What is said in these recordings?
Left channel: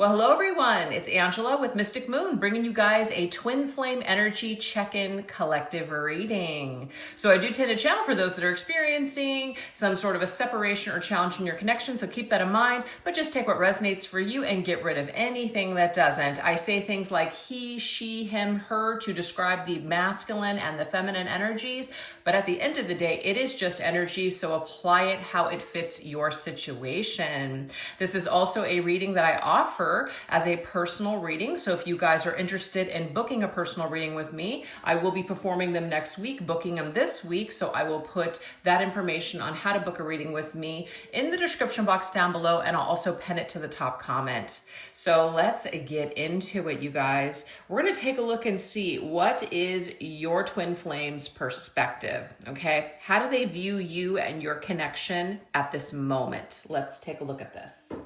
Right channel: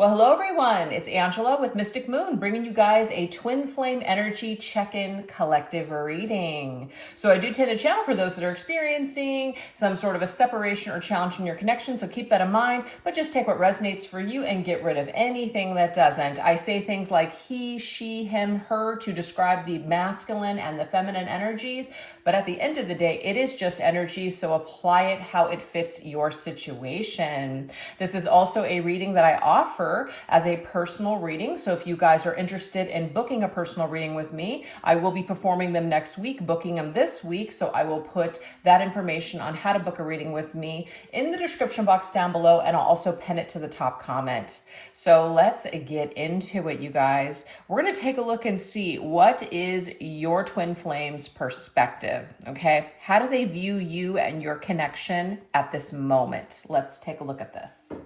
Well, hello everyone. It's Angela with Mystic Moon, bringing you guys a twin flame energy check-in collective reading. So I do tend to channel for those that are experiencing some sort of a separation or challenge in your connection. So keep that in mind, but just take what resonates for you and get rid of anything that doesn't. I say things like he, she, him, her to describe the masculine and the feminine energies. But at the end of the day, it is just energy. So apply it how it fits your situation. This is also a reading that I offer as a personal reading. So if you guys are interested in booking a personal reading with me, I will be performing them next week, booking them this week. So I will put that information on how to book a reading with me in the description box down below, and I'll also pin it to the top comment. So let's get into it, you guys. We're going to take a look and see what is your twin flame's perspective, okay? How do they view you and your connection at this moment? Let's take a look at this.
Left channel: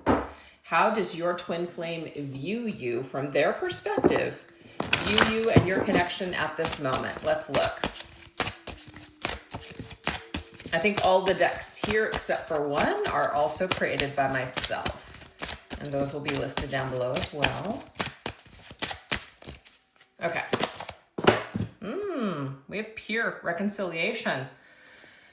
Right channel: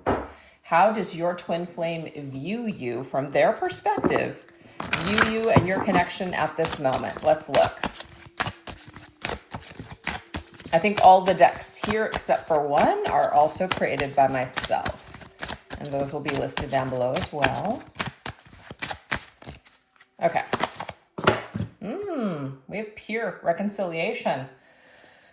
How does your twin flame view you from their perspective, view you and your connection at this moment? Let's look. I think all the decks here, except for one, are also created by myself. And those will be listed down below as well. Okay. We have pure reconciliation.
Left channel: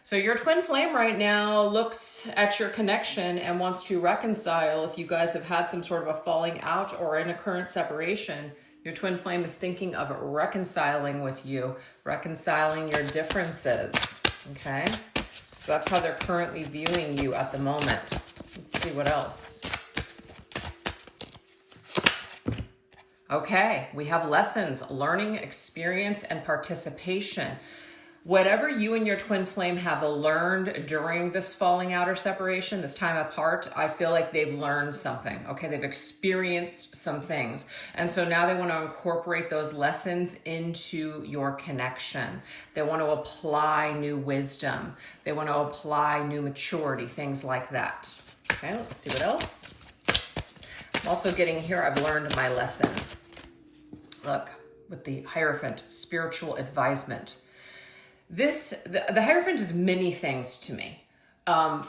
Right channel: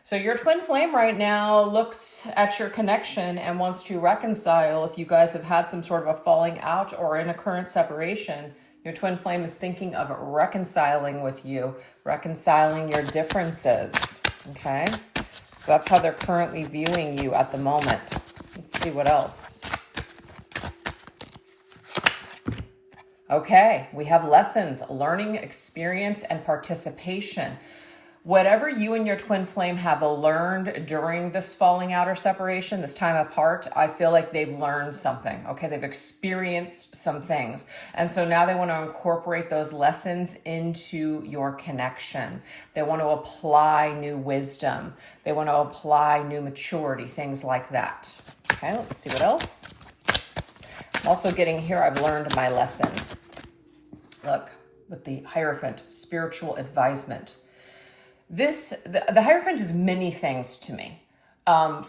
So your twin flame right now looks at your connection and wants to reconcile. If you guys have had some sort of a falling out or in a current separation, your twin flame is thinking of reconciling with you, reconciling your differences, okay? So that's how they're currently viewing you at the moment. Let's see what else. Okay, we have lessons, learning, experience, and participation. Whatever you and your twin flame have learned during this falling out or separation, this time apart, I feel like they've learned something, okay? They've experienced some things. And so now they want to incorporate those lessons into your connection. They want to apply new wisdom. They want to apply new maturity, things like that. Okay, let's see what else. I'm also getting here, I've learned my lesson. Look, with the Hierophant, spiritual advisement. The Hierophant is many things to me.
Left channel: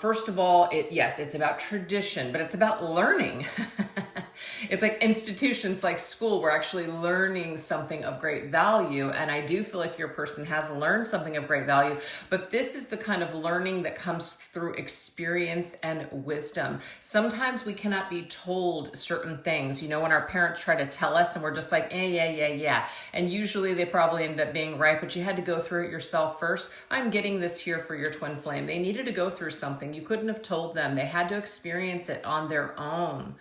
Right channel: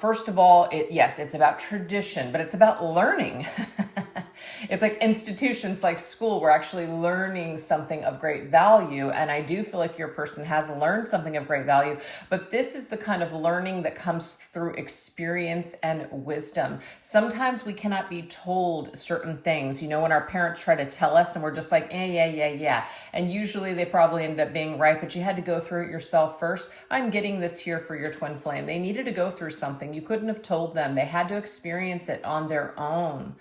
First of all, yes, it's about tradition, but it's about learning. It's like institutions like school. We're actually learning something of great value. And I do feel like your person has learned something of great value, but this is the kind of learning that comes through experience and wisdom. Sometimes we cannot be told certain things, you know, when our parents try to tell us and we're just like, yeah. And usually they probably end up being right, but you had to go through it yourself first. I'm getting this here for your twin flame. They needed to go through something. You couldn't have told them. They had to experience it on their own.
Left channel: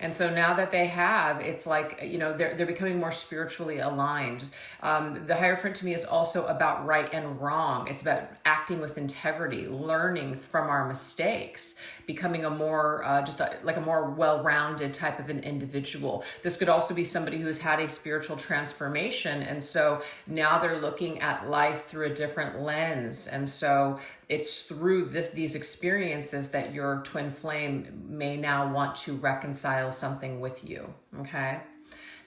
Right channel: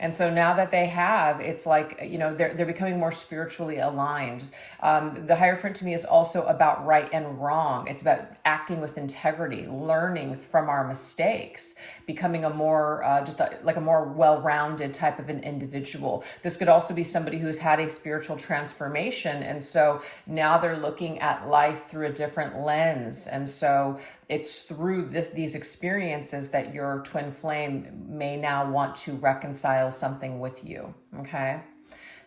And so now that they have, it's like, you know, they're becoming more spiritually aligned. The Hierophant to me is also about right and wrong. It's about acting with integrity, learning from our mistakes, becoming a more, like a more well-rounded type of an individual. This could also be somebody who's had a spiritual transformation. And so now they're looking at life through a different lens. And so it's through these experiences that your twin flame may now want to reconcile something with you, okay?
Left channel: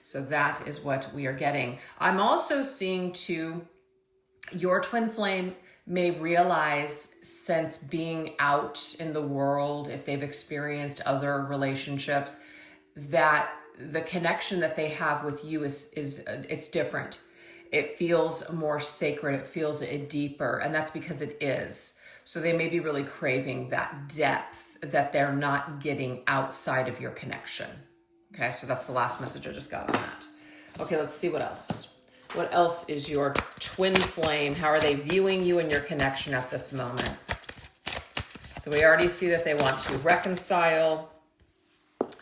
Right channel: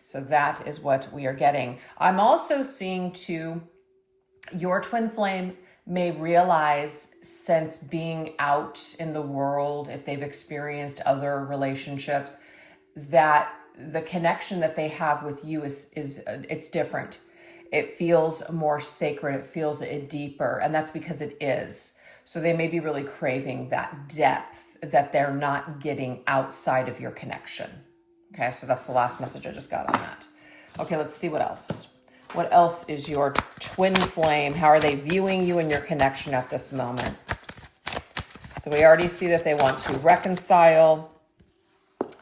So that is what we are getting. I'm also seeing too, your twin flame may realize, since being out in the world, if they've experienced other relationships, that the connection that they have with you it's different. It feels more sacred. It feels deeper, and that's because it is. So they may be really craving that depth that they're not getting outside of your connection. Okay, so that's the last message I just got on that. Okay, let's see what else. What else is your twin flame? How are they viewing you and your connection at this moment? So we already see that they want to reconcile.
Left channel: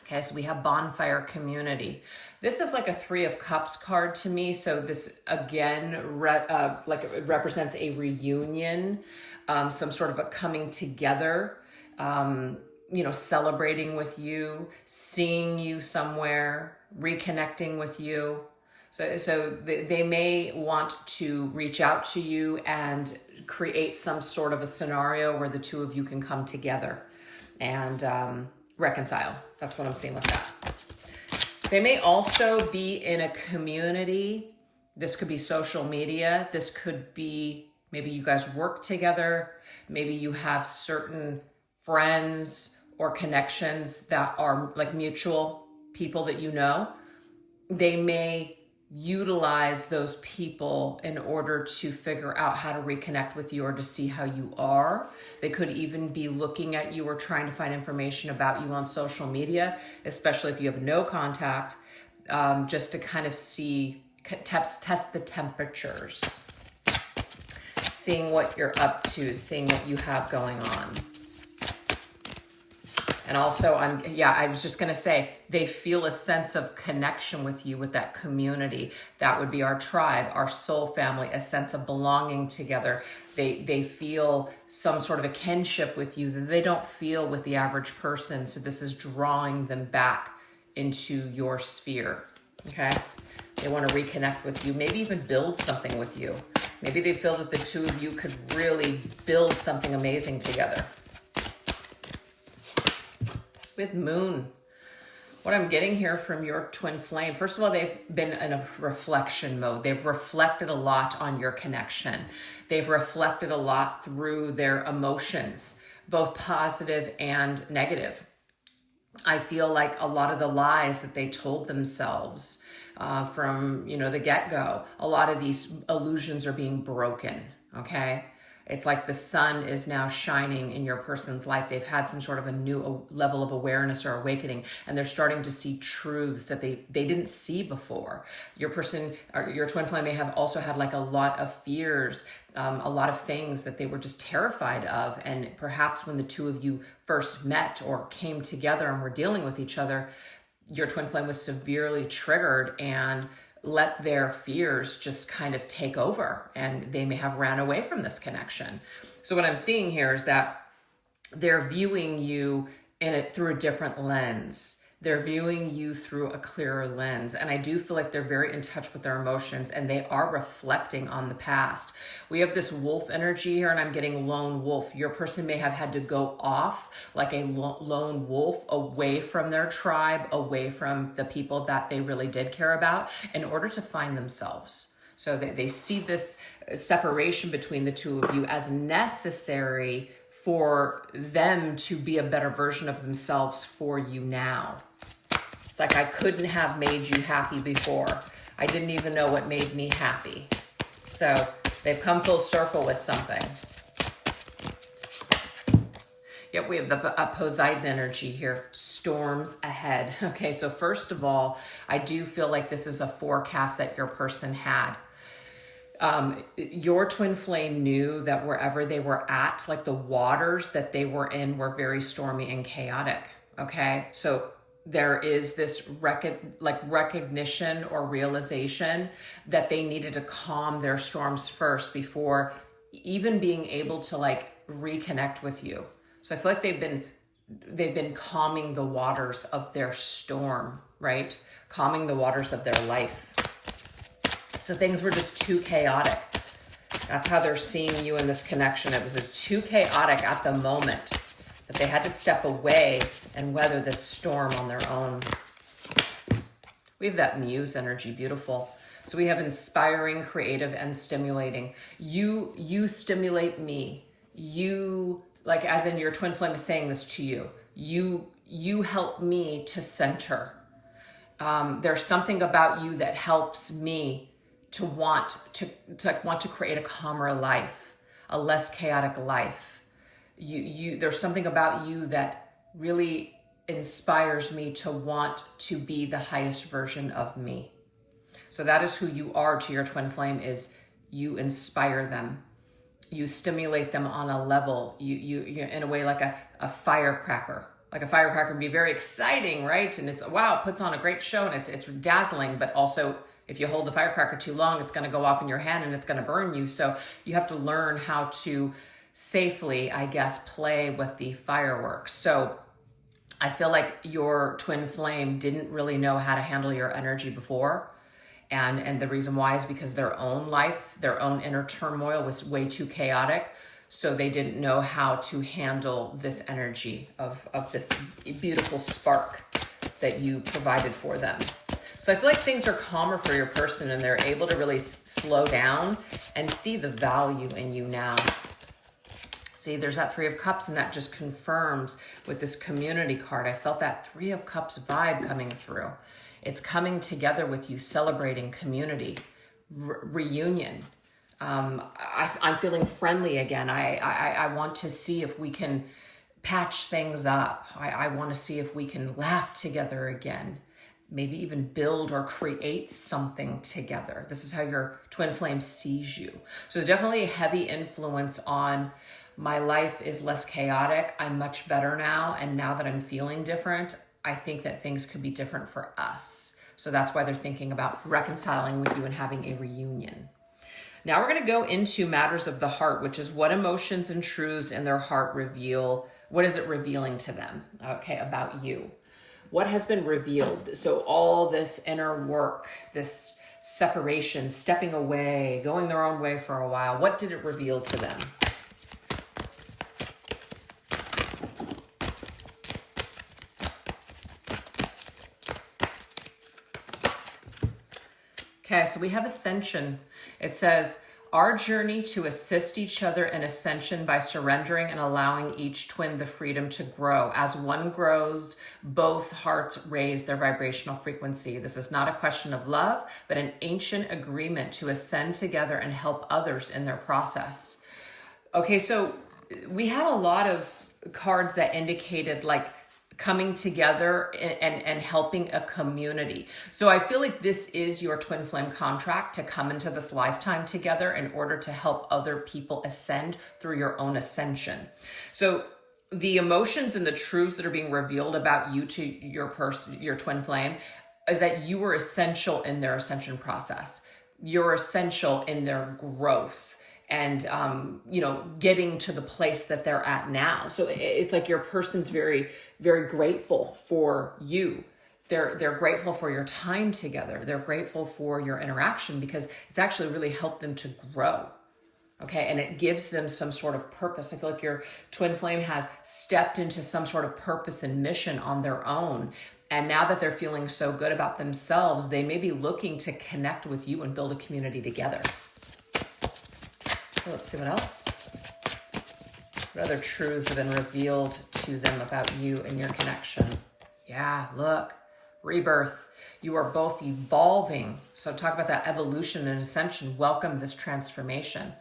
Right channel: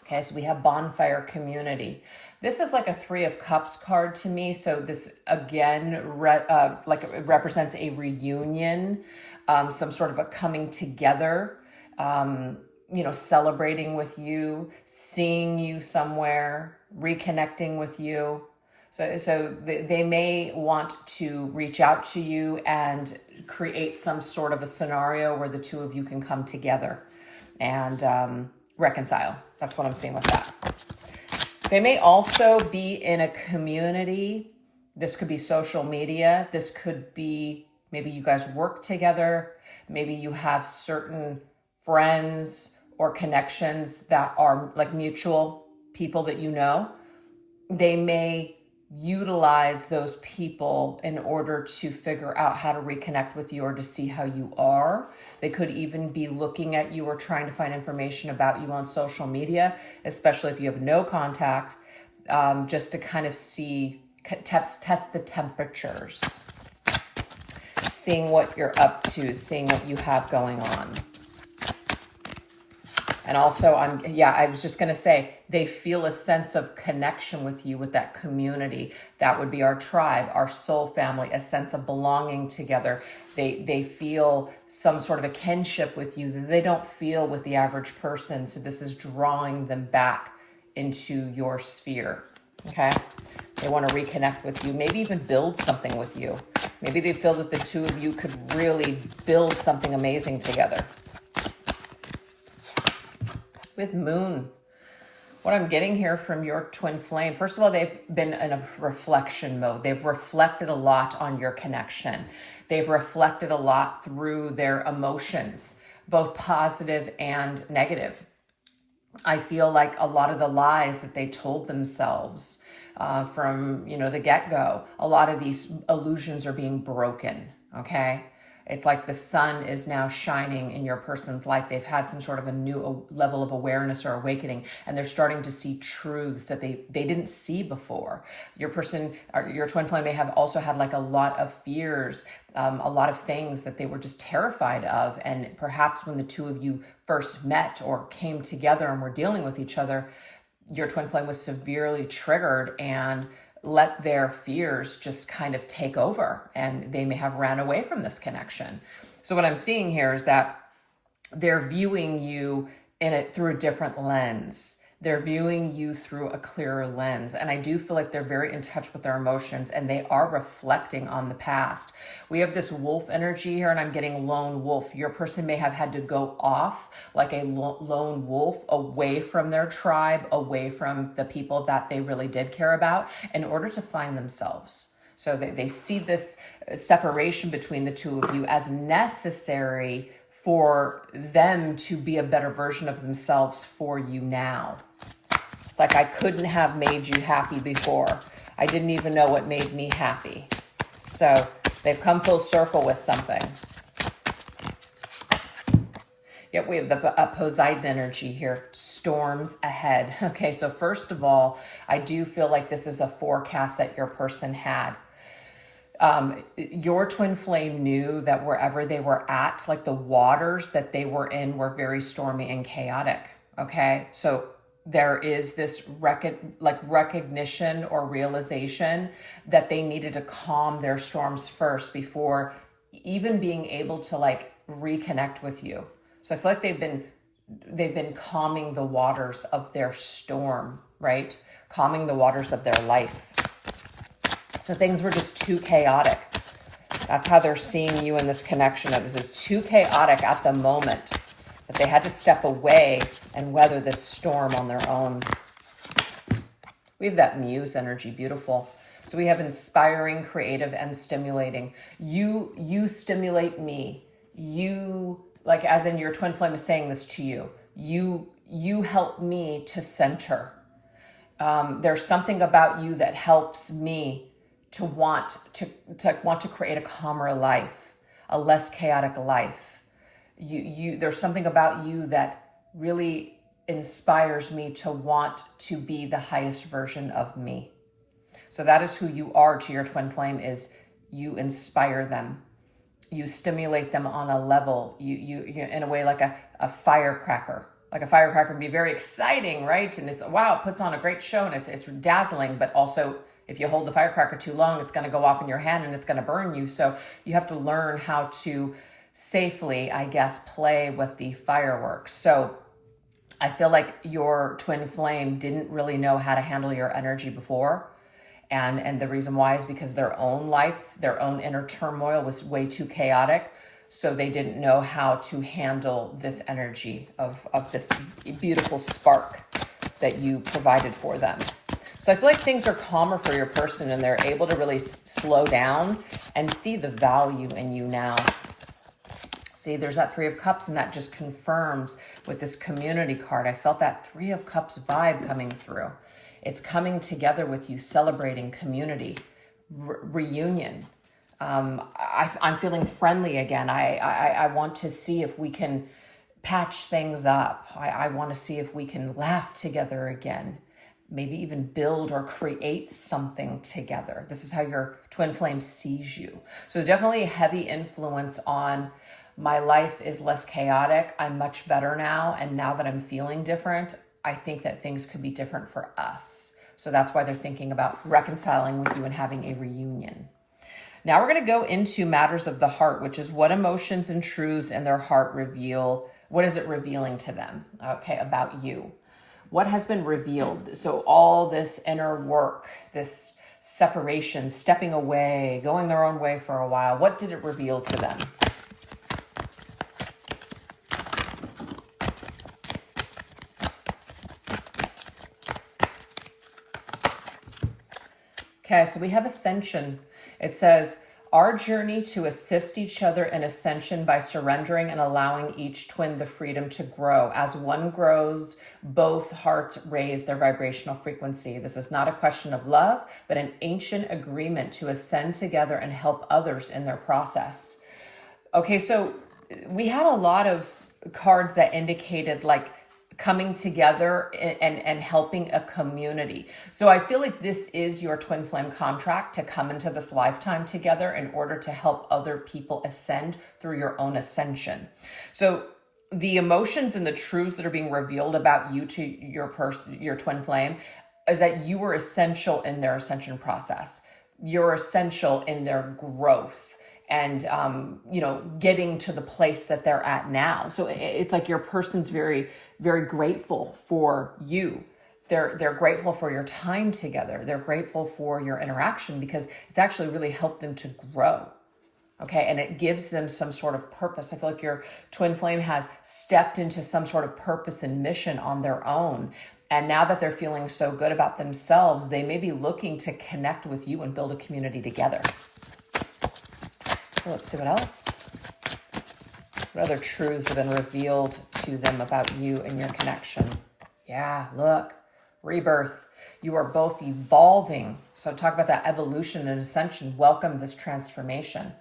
Okay, so we have bonfire community. This is like a 3 of Cups card to me. So this, again, it represents a reunion, some sort of a coming together, you know, celebrating with you, seeing you somewhere, reconnecting with you. So they may want to reach out to you and create some sort of a scenario where the two of you can come together and reconcile. That's what I'm seeing with that. They may also be in a community. This could be social media. This could be maybe you guys work together. Maybe you have certain friends or connections that are like mutual people that you know, they may utilize those people in order to figure out how to reconnect with you or to see how you are. They could even be looking at you or trying to find information about you on social media, especially if you have no contact, just to kind of see, test the temperatures, seeing what you're up to, seeing what you have going on. And also, I was just going to say, they feel a sense of connection with you, with that community. That would be our tribe, our soul family, a sense of belonging together. They feel some sort of a kinship with you that they don't feel with the average person. So this is drawing them back into your sphere, okay? They want to reconnect with you, maybe even build something with you. Maybe they feel that the two of you could really build something amazing together. With Moon, what I'm getting here from your twin flame, first of all, they've been in a reflection mode. They've reflected a lot on your connection. They've reflected a lot through their emotions, both positive and negative. I feel like a lot of the lies that they told themselves from, the get-go, a lot of these illusions are being broken, okay? It's like the sun is now shining in your person's life. They've had some sort of a new level of awareness or awakening, and they're starting to see truths that they didn't see before. Your person, or your twin flame, may have also had like a lot of fears, a lot of things that they were just terrified of. And perhaps when the two of you first met or came together and were dealing with each other, your twin flame was severely triggered and let their fears just kind of take over, and they may have ran away from this connection. So what I'm seeing here is that they're viewing you through a different lens. They're viewing you through a clearer lens. And I do feel like they're very in touch with their emotions, and they are reflecting on the past. We have this wolf energy here, and I'm getting lone wolf. Your person may have had to go off like a lone wolf away from their tribe, away from the people that they really did care about, in order to find themselves. So they see this separation between the two of you as necessary for them to be a better version of themselves for you now. It's like, I couldn't have made you happy before. I didn't even know what made me happy. So they've come full circle with something. Yep, we have the Poseidon energy here. Storms ahead. Okay, so first of all, I do feel like this is a forecast that your person had. Your twin flame knew that wherever they were at, like the waters that they were in were very stormy and chaotic. Okay. So there is this recognition or realization that they needed to calm their storms first before even being able to like reconnect with you. So I feel like they've been calming the waters of their storm, right? Calming the waters of their life. So things were just too chaotic. That's how they're seeing you in this connection. It was too chaotic at the moment, but they had to step away and weather this storm on their own. We have that muse energy, beautiful. So we have inspiring, creative, and stimulating. You stimulate me. You, like as in your twin flame is saying this to you. You help me to center. There's something about you that helps me to want to create a calmer life, a less chaotic life. There's something about you that really inspires me to want to be the highest version of me. So that is who you are to your twin flame, is you inspire them. You stimulate them on a level, you in a way like a firecracker. Like a firecracker can be very exciting, right? And it's, wow, it puts on a great show and it's dazzling, but also if you hold the firecracker too long, it's going to go off in your hand and it's going to burn you. So you have to learn how to safely, I guess, play with the fireworks. So I feel like your twin flame didn't really know how to handle your energy before. And the reason why is because their own life, their own inner turmoil was way too chaotic. So they didn't know how to handle this energy of this beautiful spark that you provided for them. So I feel like things are calmer for your person, and they're able to really slow down and see the value in you now. See, there's that Three of Cups, and that just confirms with this community card. I felt that Three of Cups vibe coming through. It's coming together with you, celebrating community, reunion. I'm feeling friendly again. I want to see if we can patch things up. I want to see if we can laugh together again. Maybe even build or create something together. This is how your twin flame sees you. So definitely a heavy influence on my life is less chaotic. I'm much better now. And now that I'm feeling different, I think that things could be different for us. So that's why they're thinking about reconciling with you and having a reunion. Now we're going to go into matters of the heart, which is what emotions and truths in their heart reveal. What is it revealing to them? Okay, about you. What has been revealed? So all this inner work, this separation, stepping away, going their own way for a while, what did it reveal to them? Okay, so we have ascension. It says, our journey to assist each other in ascension by surrendering and allowing each twin the freedom to grow. As one grows, both hearts raise their vibrational frequency. This is not a question of love, but an ancient agreement to ascend together and help others in their process. Okay, so we had a lot of cards that indicated like coming together and helping a community. So I feel like this is your twin flame contract to come into this lifetime together in order to help other people ascend through your own ascension. So the emotions and the truths that are being revealed about you to your person, your twin flame, is that you were essential in their ascension process. You're essential in their growth and, getting to the place that they're at now. So it's like your person's very, very grateful for you. They're grateful for your time together. They're grateful for your interaction because it's actually really helped them to grow. Okay. And it gives them some sort of purpose. I feel like your twin flame has stepped into some sort of purpose and mission on their own. And now that they're feeling so good about themselves, they may be looking to connect with you and build a community together. So let's see what else. What other truths have been revealed to them about you and your connection? Yeah, look, rebirth. You are both evolving. So talk about that evolution and ascension. Welcome this transformation.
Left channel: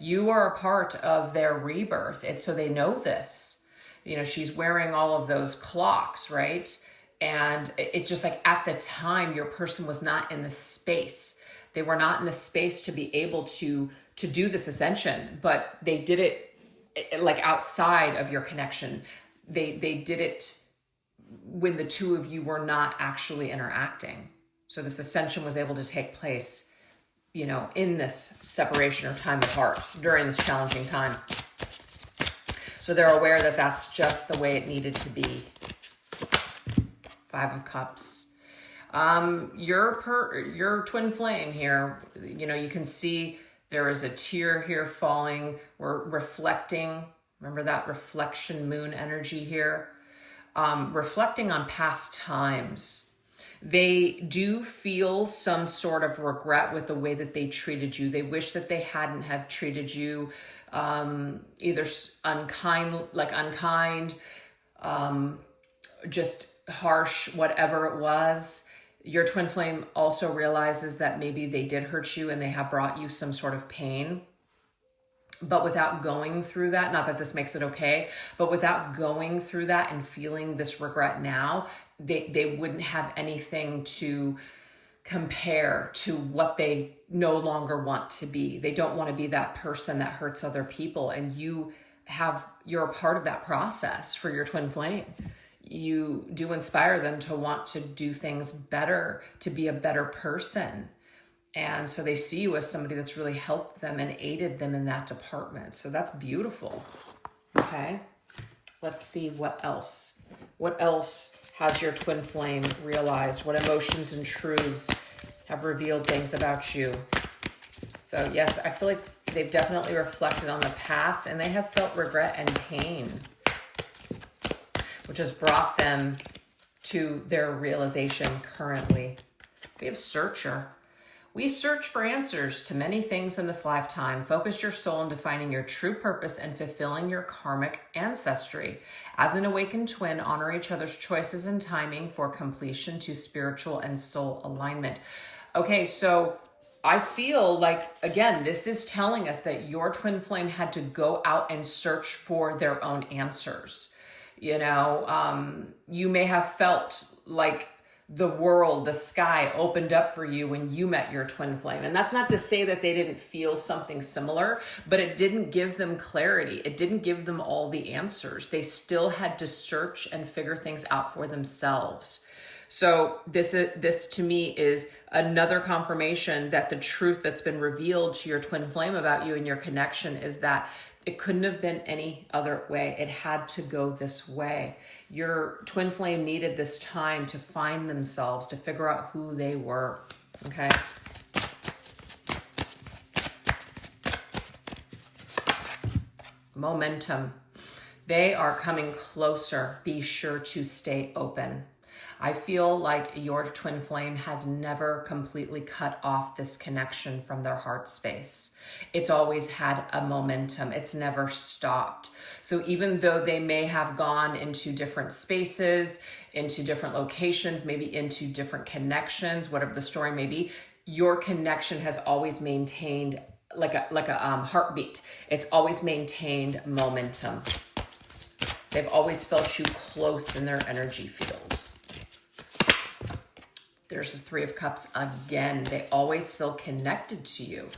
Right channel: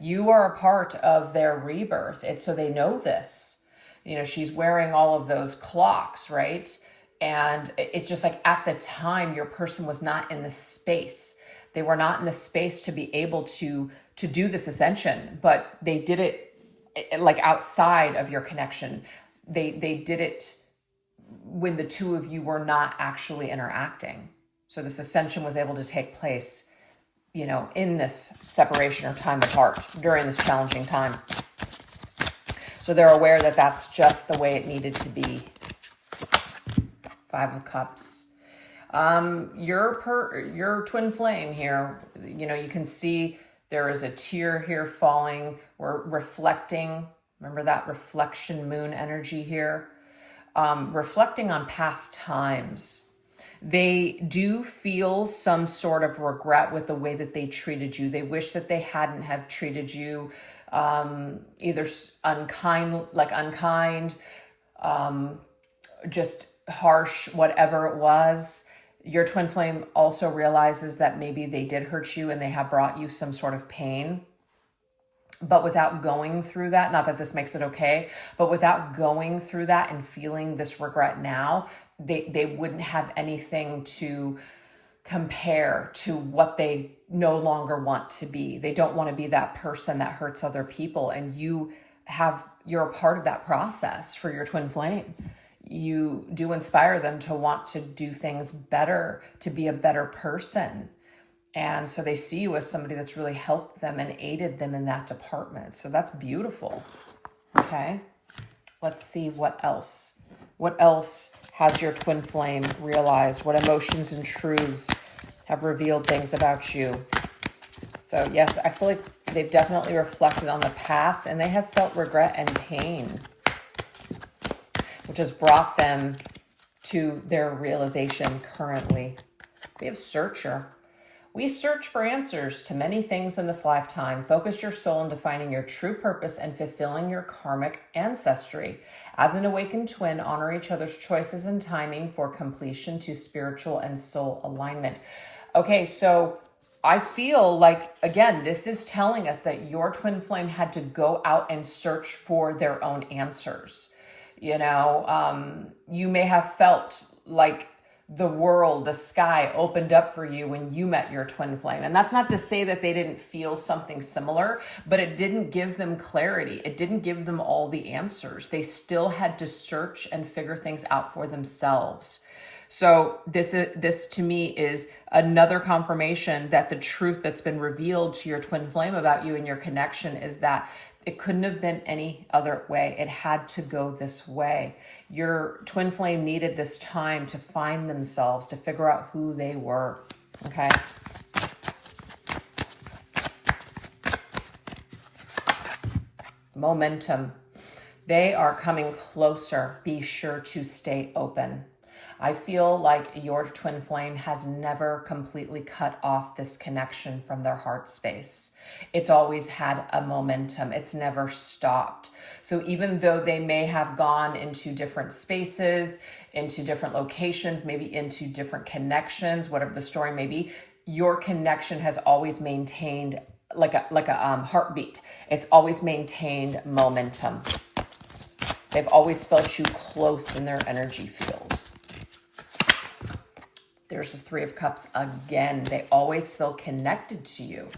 You are a part of their rebirth. So they know this. She's wearing all of those clocks, right? And it's just like at the time, your person was not in the space. They were not in the space to be able to do this ascension, but they did it like outside of your connection. They did it when the two of you were not actually interacting. So this ascension was able to take place, in this separation or time apart during this challenging time. So they're aware that that's just the way it needed to be. Five of Cups. Your twin flame here, you can see there is a tear here falling. We're reflecting. Remember that reflection moon energy here? Reflecting on past times. They do feel some sort of regret with the way that they treated you. They wish that they hadn't have treated you either unkind, just harsh, whatever it was. Your twin flame also realizes that maybe they did hurt you and they have brought you some sort of pain. But without going through that, not that this makes it okay, but without going through that and feeling this regret now, they wouldn't have anything to compare to what they no longer want to be. They don't want to be that person that hurts other people. And you're a part of that process for your twin flame. You do inspire them to want to do things better, to be a better person. And so they see you as somebody that's really helped them and aided them in that department. So that's beautiful. Okay. Let's see what else. What else has your twin flame realized? What emotions and truths have revealed things about you? So yes, I feel like they've definitely reflected on the past and they have felt regret and pain, which has brought them to their realization currently. We have Searcher. We search for answers to many things in this lifetime. Focus your soul into finding your true purpose and fulfilling your karmic ancestry. As an awakened twin, honor each other's choices and timing for completion to spiritual and soul alignment. Okay, so I feel like, again, this is telling us that your twin flame had to go out and search for their own answers. You know, you may have felt like the world, the sky opened up for you when you met your twin flame. And that's not to say that they didn't feel something similar, but it didn't give them clarity. It didn't give them all the answers. They still had to search and figure things out for themselves. So this to me is another confirmation that the truth that's been revealed to your twin flame about you and your connection is that it couldn't have been any other way. It had to go this way. Your twin flame needed this time to find themselves, to figure out who they were, okay? Momentum. They are coming closer. Be sure to stay open. I feel like your twin flame has never completely cut off this connection from their heart space. It's always had a momentum. It's never stopped. So even though they may have gone into different spaces, into different locations, maybe into different connections, whatever the story may be, your connection has always maintained like a heartbeat. It's always maintained momentum. They've always felt you close in their energy field. There's the Three of Cups again. They always feel connected to you.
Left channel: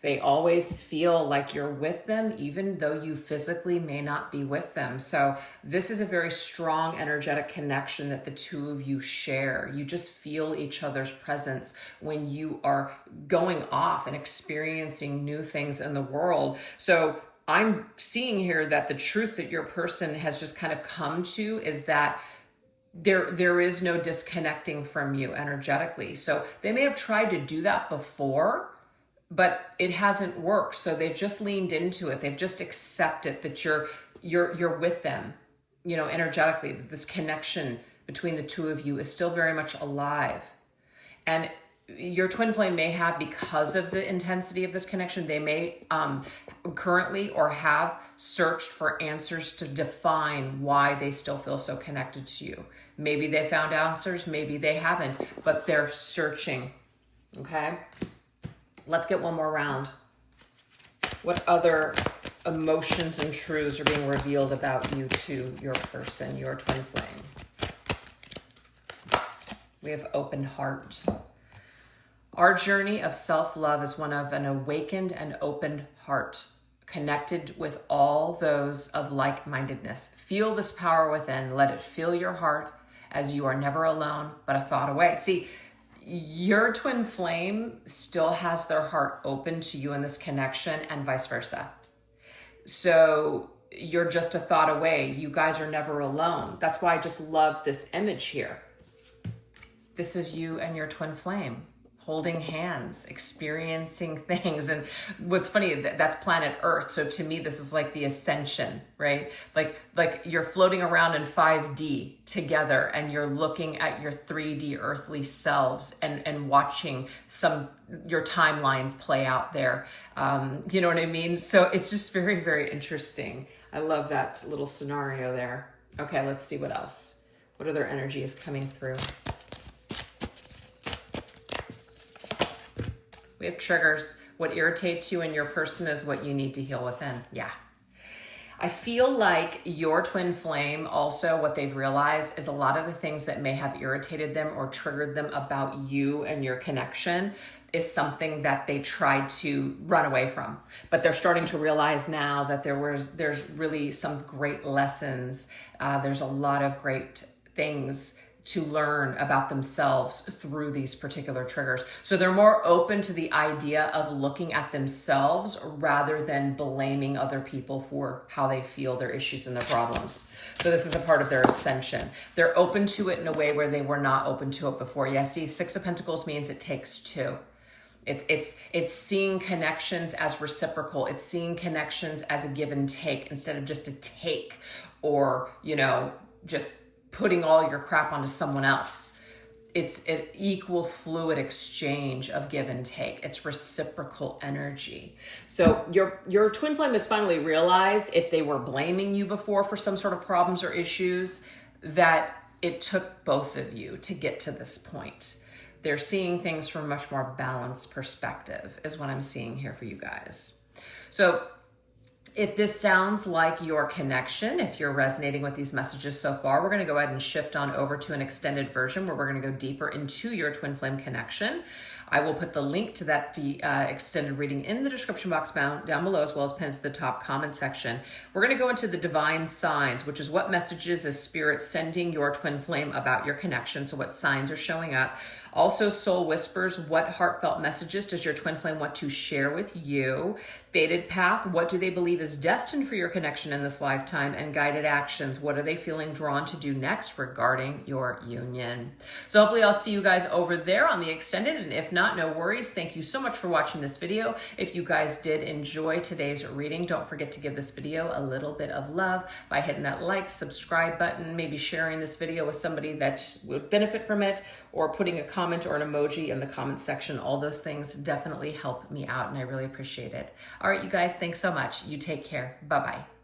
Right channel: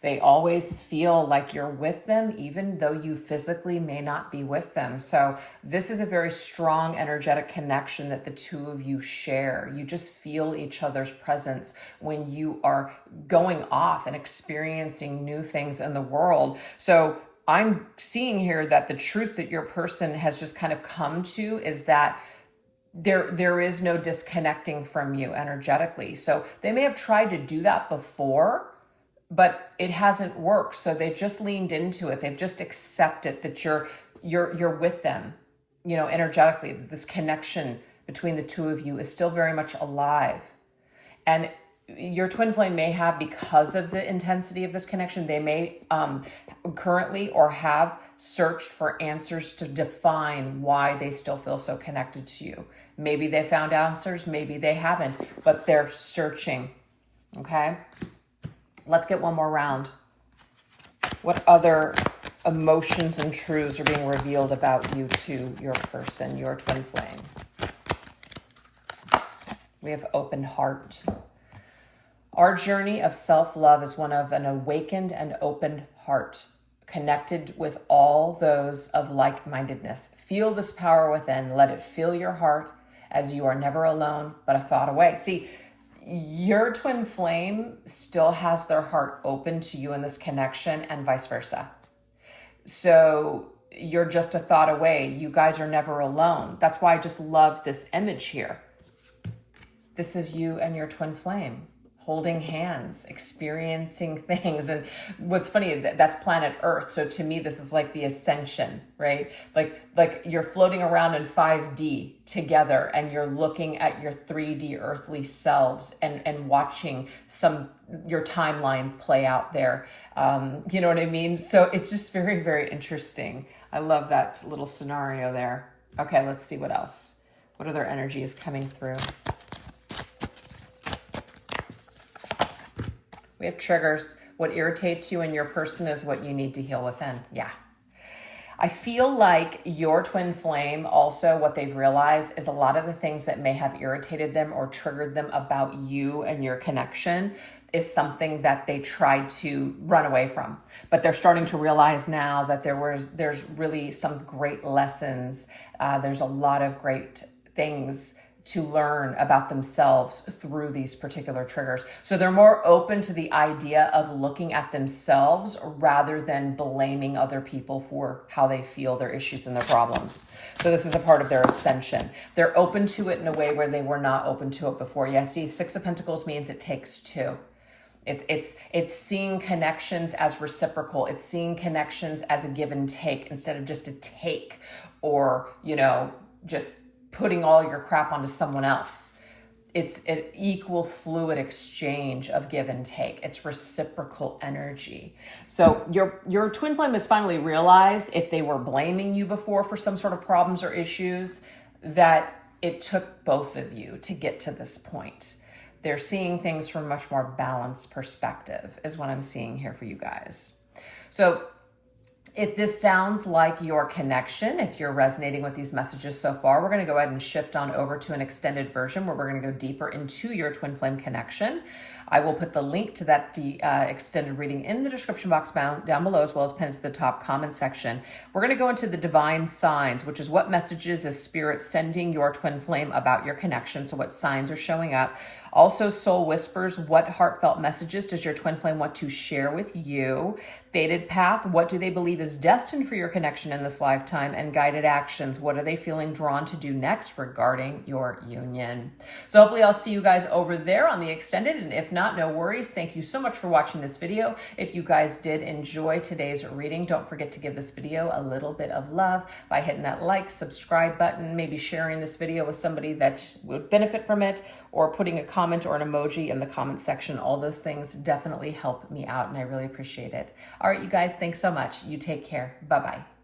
They always feel like you're with them, even though you physically may not be with them. So this is a very strong energetic connection that the two of you share. You just feel each other's presence when you are going off and experiencing new things in the world. So I'm seeing here that the truth that your person has just kind of come to is that there is no disconnecting from you energetically. So they may have tried to do that before, but it hasn't worked. So they've just leaned into it. They've just accepted that you're with them, you know, energetically, that this connection between the two of you is still very much alive. And your twin flame may have, because of the intensity of this connection, they may currently or have searched for answers to define why they still feel so connected to you. Maybe they found answers, maybe they haven't, but they're searching, okay? Let's get one more round. What other emotions and truths are being revealed about you to your person, your twin flame? We have open heart. Our journey of self-love is one of an awakened and open heart, connected with all those of like-mindedness. Feel this power within. Let it fill your heart as you are never alone, but a thought away. See, your twin flame still has their heart open to you in this connection and vice versa. So you're just a thought away. You guys are never alone. That's why I just love this image here. This is you and your twin flame holding hands, experiencing things. And what's funny, that's planet Earth. So to me, this is like the ascension, right? Like you're floating around in 5D together and you're looking at your 3D earthly selves and watching your timelines play out there. You know what I mean? So it's just very, very interesting. I love that little scenario there. Okay, let's see what else. What other energy is coming through? We have triggers. What irritates you and your person is what you need to heal within. Yeah. I feel like your twin flame also, what they've realized is a lot of the things that may have irritated them or triggered them about you and your connection is something that they tried to run away from. But they're starting to realize now that there's really some great lessons. There's a lot of great things to learn about themselves through these particular triggers. So they're more open to the idea of looking at themselves rather than blaming other people for how they feel, their issues and their problems. So this is a part of their ascension. They're open to it in a way where they were not open to it before. Yeah, see, Six of Pentacles means it takes two. It's seeing connections as reciprocal. It's seeing connections as a give and take instead of just a take or, just putting all your crap onto someone else. it's an equal fluid exchange of give and take. It's reciprocal energy. So your twin flame has finally realized, if they were blaming you before for some sort of problems or issues, that it took both of you to get to this point. They're seeing things from a much more balanced perspective is what I'm seeing here for you guys. So if this sounds like your connection, if you're resonating with these messages so far, we're going to go ahead and shift on over to an extended version where we're going to go deeper into your twin flame connection. I will put the link to that extended reading in the description box down below, as well as pinned to the top comment section. We're going to go into the divine signs, which is what messages is Spirit sending your twin flame about your connection. So what signs are showing up. Also, soul whispers, what heartfelt messages does your twin flame want to share with you? Fated path, what do they believe is destined for your connection in this lifetime? And guided actions, what are they feeling drawn to do next regarding your union? So hopefully I'll see you guys over there on the extended, and if not, no worries. Thank you so much for watching this video. If you guys did enjoy today's reading, don't forget to give this video a little bit of love by hitting that like, subscribe button, maybe sharing this video with somebody that would benefit from it, or putting a comment or an emoji in the comment section. All those things definitely help me out, and I really appreciate it. All right, you guys, thanks so much. You take care. Bye-bye.